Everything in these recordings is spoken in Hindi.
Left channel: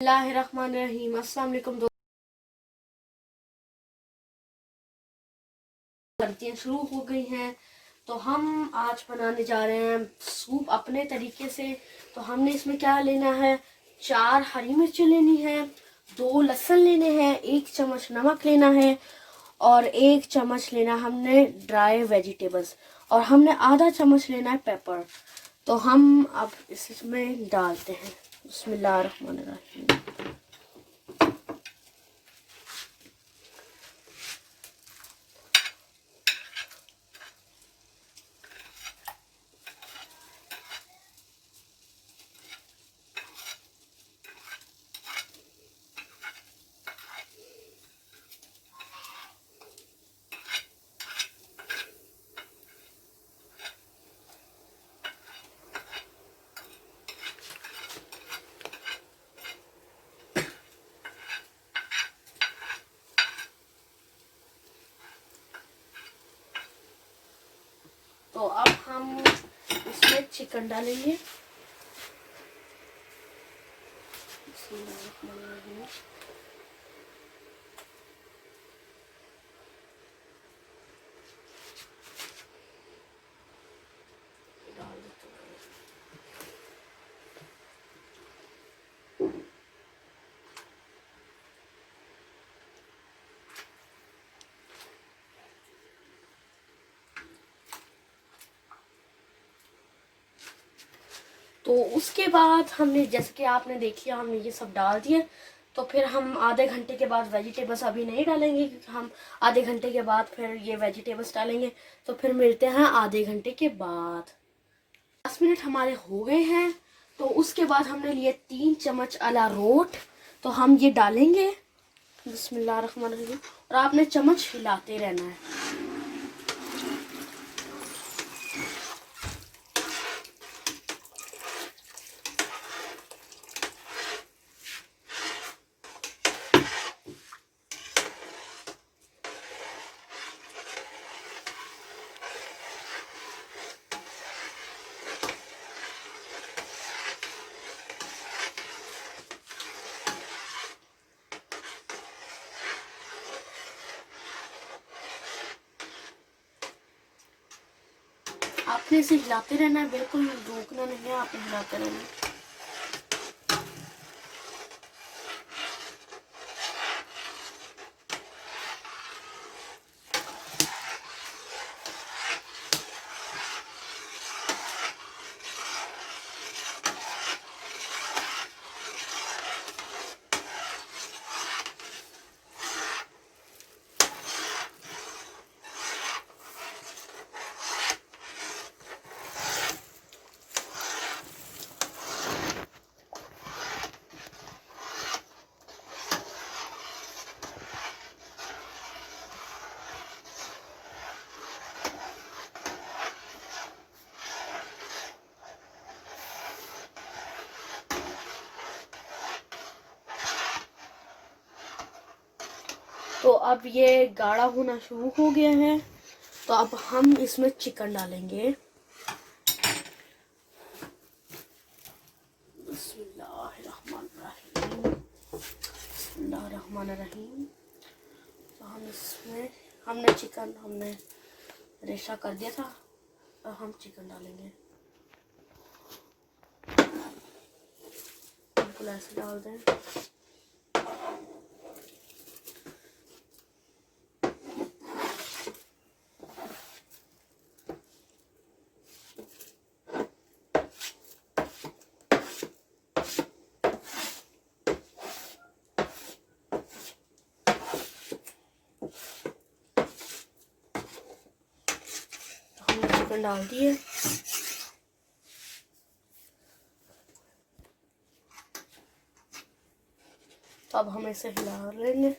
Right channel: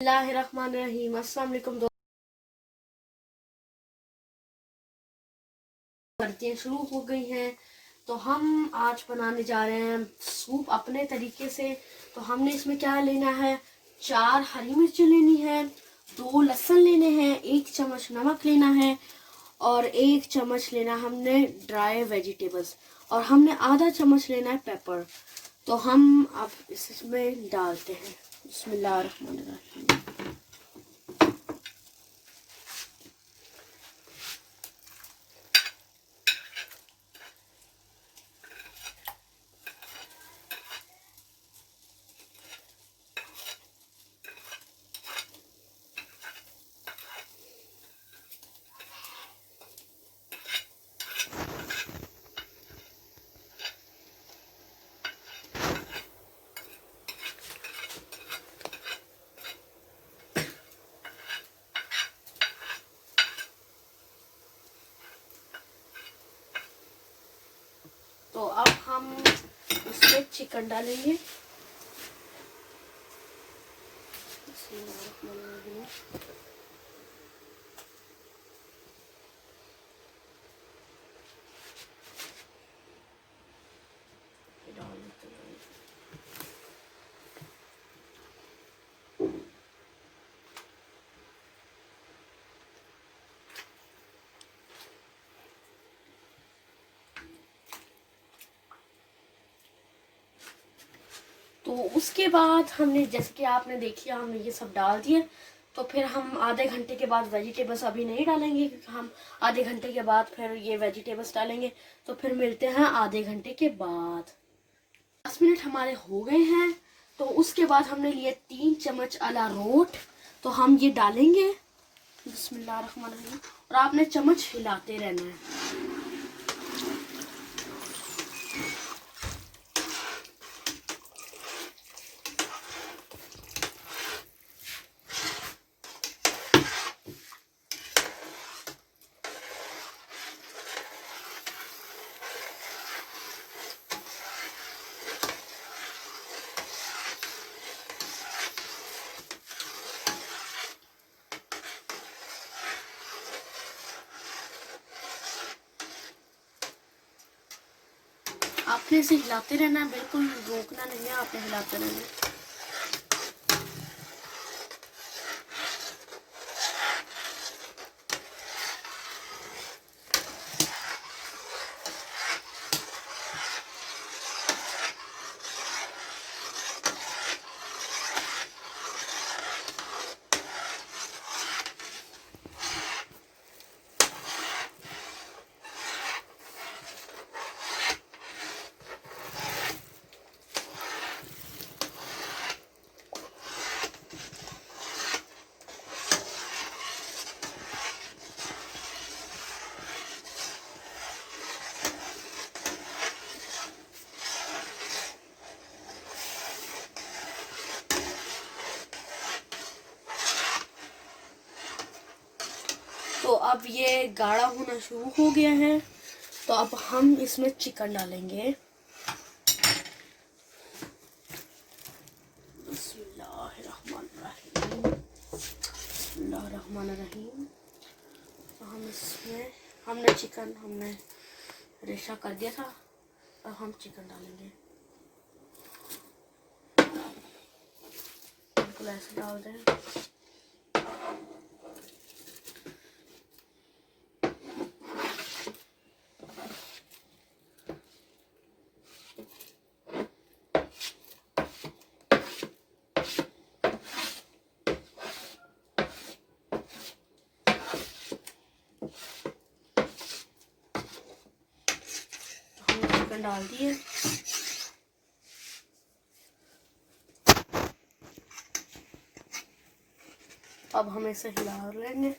बिस्मिल्लाहिर्रहमानिर्रहीम। अस्सलाम वालेकुम दोस्तों, सर्दियाँ शुरू हो गई हैं तो हम आज बनाने जा रहे हैं सूप अपने तरीके से। तो हमने इसमें क्या लेना है, 4 हरी मिर्ची लेनी है, 2 लहसुन लेने हैं, 1 चम्मच नमक लेना है और 1 चम्मच लेना हमने ड्राई वेजिटेबल्स और हमने आधा चम्मच लेना है पेपर। तो हम अब इसमें डालते हैं। बिस्मिल्लाहिर्रहमानिर्रहीम। तो अब हम इसमें चिकन डालेंगे। डाल देते हैं। तो उसके बाद हमने, जैसे कि आपने देख लिया, हमने ये सब डाल दिए। तो फिर हम आधे घंटे के बाद वेजिटेबल्स अभी नहीं डालेंगे, क्योंकि हम आधे घंटे के बाद फिर ये वेजिटेबल्स डालेंगे। तो फिर मिलते हैं आधे घंटे के बाद। 10 मिनट हमारे हो गए हैं। तो उसके बाद हमने लिए 3 चम्मच अरारोट, तो हम ये डालेंगे। बिस्मिल्लाहिर्रहमानिर्रहीम। और आपने चम्मच हिलाते रहना है। आपने इसे हिलाते रहना है, बिल्कुल रोकना नहीं है, आपने हिलाते रहना है। तो अब ये गाढ़ा होना शुरू हो गया है। तो अब हम इसमें चिकन डालेंगे। बिस्मिल्लाहिर्रहमानिर्रहीम। बिस्मिल्लाहिर्रहमानिर्रहीम। तो हम इसमें, हमने रेशा कर दिया था। अब हम चिकन डालेंगे, बिल्कुल ऐसे डाल दें। चिकन डाल दिए। अब हम इसे हिला लेंगे।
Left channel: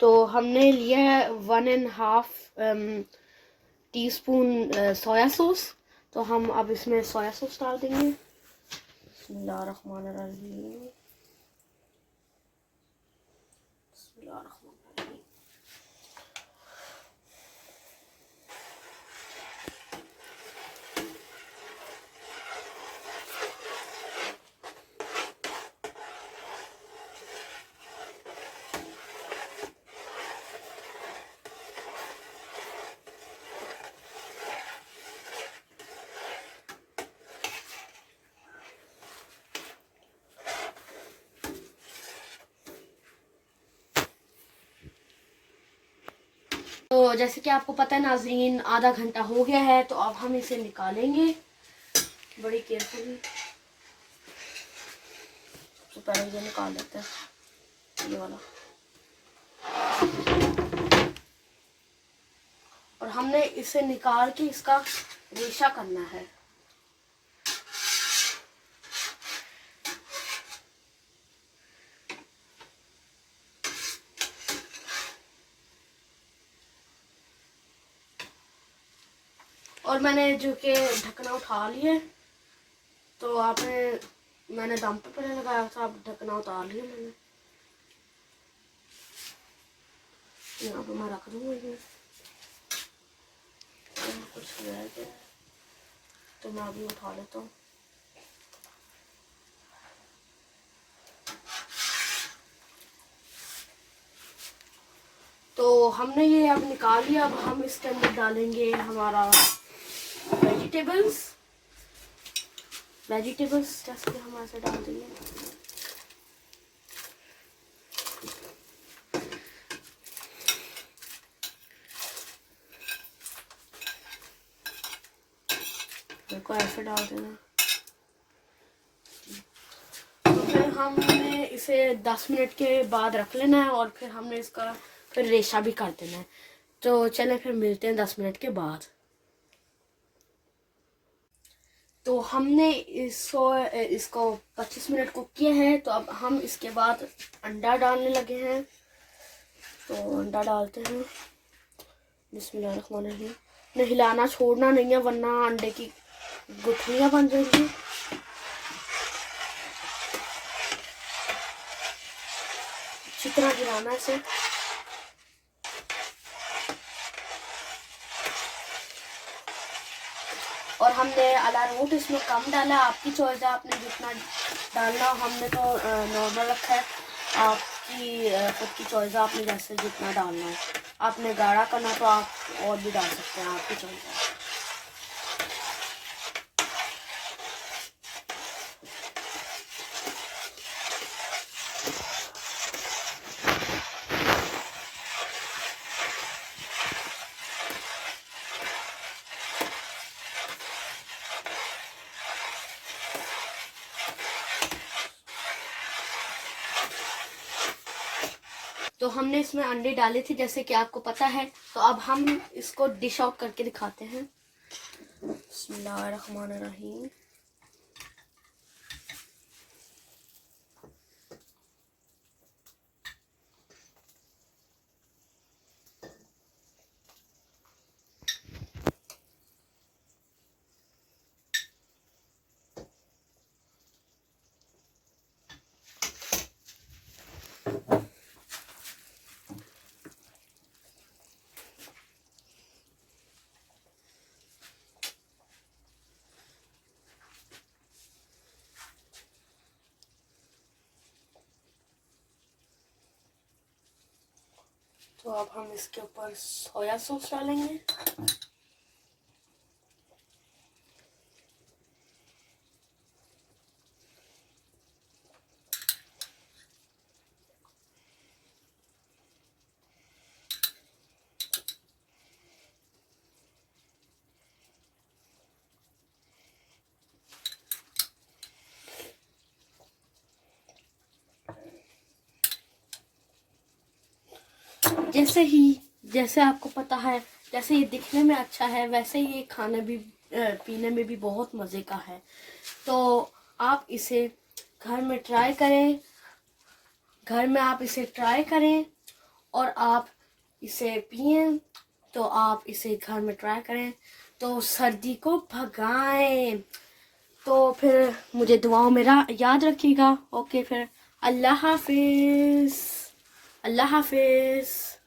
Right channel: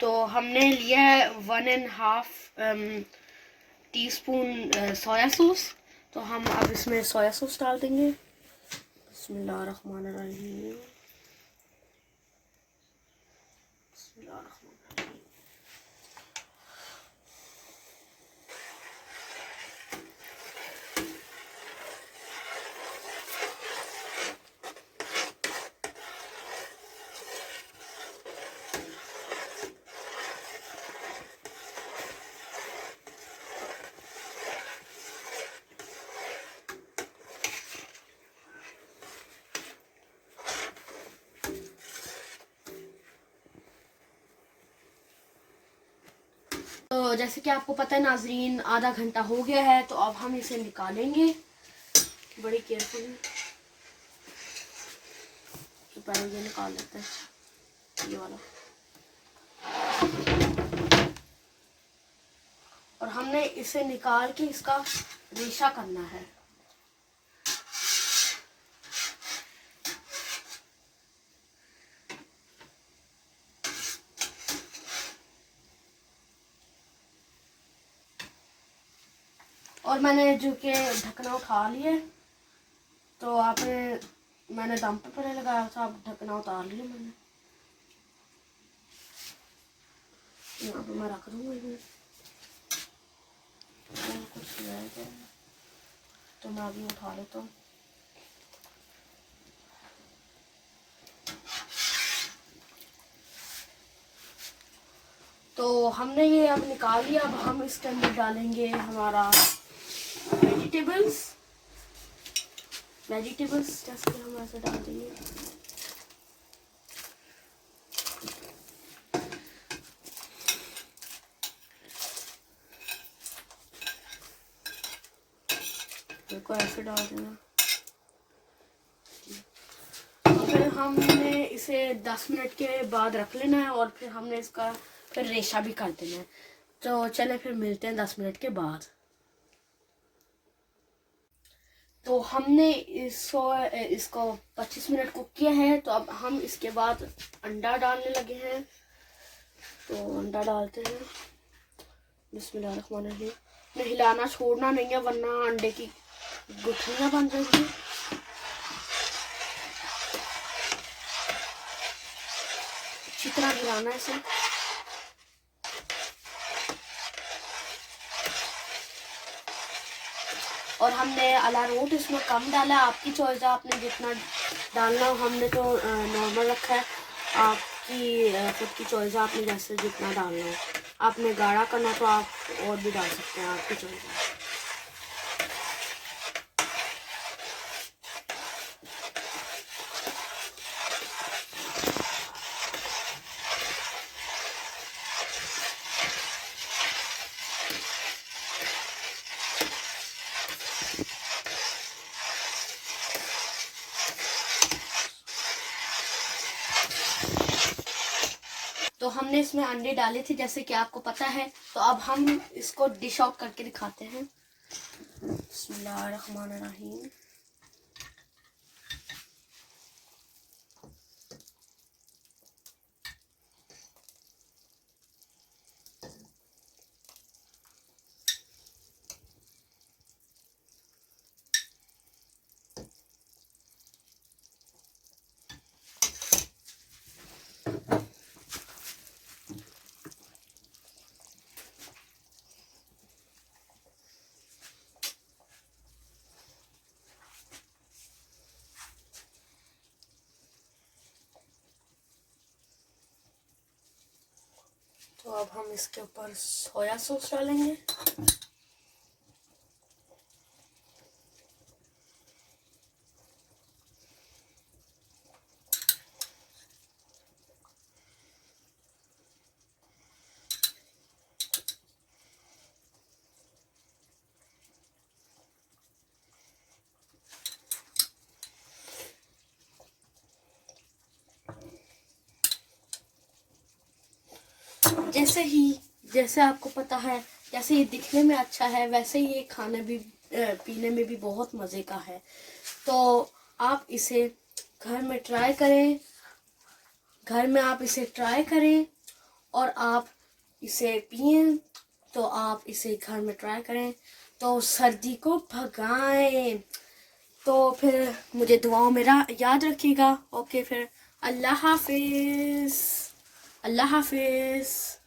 तो हमने लिया है 1.5 टीस्पून सोया सॉस। तो हम अब इसमें सोया सॉस डाल देंगे। बिस्मिल्लाहिर्रहमानिर्रहीम। बिस्मिल्लाहिर्रहमानिर्रहीम। तो जैसे कि आपको पता है नाजरीन, आधा घंटा हो गया है, तो अब हम इसे निकालेंगे बड़ी केयरफुली। तो पहले ये निकाल लेते हैं, ये वाला। और हमने इसे निकाल के इसका रेशा करना है। और मैंने जो कि ढकना उठा लिया, तो मैंने दम पे पहले लगाया था, अब ढकना उतार लिया मैंने। यहाँ पे मैं रख दूँगा ये। कुछ रह गया तो मैं अभी उठा लेता हूँ। तो हमने ये अब निकाल लिया। अब हम इसके अंदर डालेंगे हमारा वेजिटेबल्स। जैसे कि हम ऐसे डाल देंगे। को ऐसे डाल देना। फिर हमने इसे 10 मिनट के बाद रख लेना है, और फिर हमने इसका फिर रेशा भी कर देना है। तो चले फिर मिलते हैं 10 मिनट के बाद। तो हमने इसको 25 मिनट कुक किया है। तो अब हम इसके बाद अंडा डालने लगे हैं। तो अंडा डालते हैं। बिस्मिल्लाहिर्रहमानिर्रहीम। हिलाना छोड़ना नहीं है, वरना अंडे की गुठलियां बन जाएंगी। अच्छी तरह हिलाना इसे। और हमने अरारोट इसमें कम डाला, आपकी चॉइस है, आपने जितना डालना हो। हमने तो नॉर्मल रखा है, आपकी खुद की चॉइस है, आपने जैसे जितना डालना हो। आपने गाढ़ा करना तो आप और भी डाल सकते हैं, आपकी चॉइस है। तो हमने इसमें अंडे डाले थे, जैसे कि आपको पता है। तो अब हम इसको डिश आउट करके दिखाते हैं। बिस्मिल्लाहिर्रहमानिर्रहीम। तो अब हम इसके ऊपर सोया सॉस डालेंगे। जैसे आपको पता है, जैसे ये दिखने में अच्छा है, वैसे ही ये खाने भी पीने में भी बहुत मज़े का है। तो आप इसे घर में ट्राई करें। घर में आप इसे ट्राई करें और आप इसे पिएं। तो आप इसे घर में ट्राई करें तो सर्दी को भगाएं। तो फिर मुझे दुआओं में याद रखिएगा। ओके फिर अल्लाह हाफिज़। अल्लाह हाफिज़।